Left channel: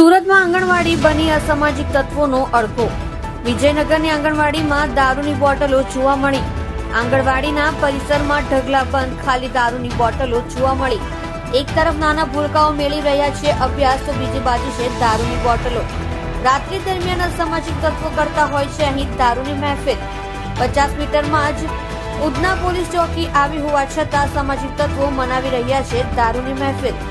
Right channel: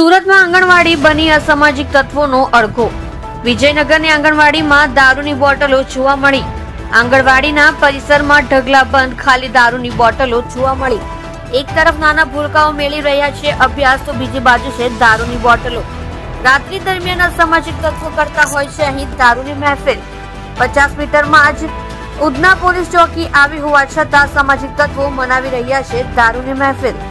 સુરતમાં આંગણવાડી બની અસામાજિક તત્વોનો અડઘો. વિજયનગરની આંગણવાડીમાં દારૂની બોટલો જોવા મળી. આંગણવાડીના પરિસરમાં ઢગલાબંધ ખાલી દારૂની બોટલો જોવા મળી. એક તરફ નાના ભૂલકાઓ મેળવી રહ્યા છે અભ્યાસ, તો બીજી બાજુ છે દારૂની બોટલો. રાત્રિ દરમિયાન અસામાજિક તત્વો કરતા હોય છે અહીં દારૂની મહેફિલ. 50 મીટરમાં જ ઉધના પોલીસ ચોકી આવી હોવા છતાં સામાજિક તત્વો મનાવી રહ્યા છે દારૂની મહેફિલ.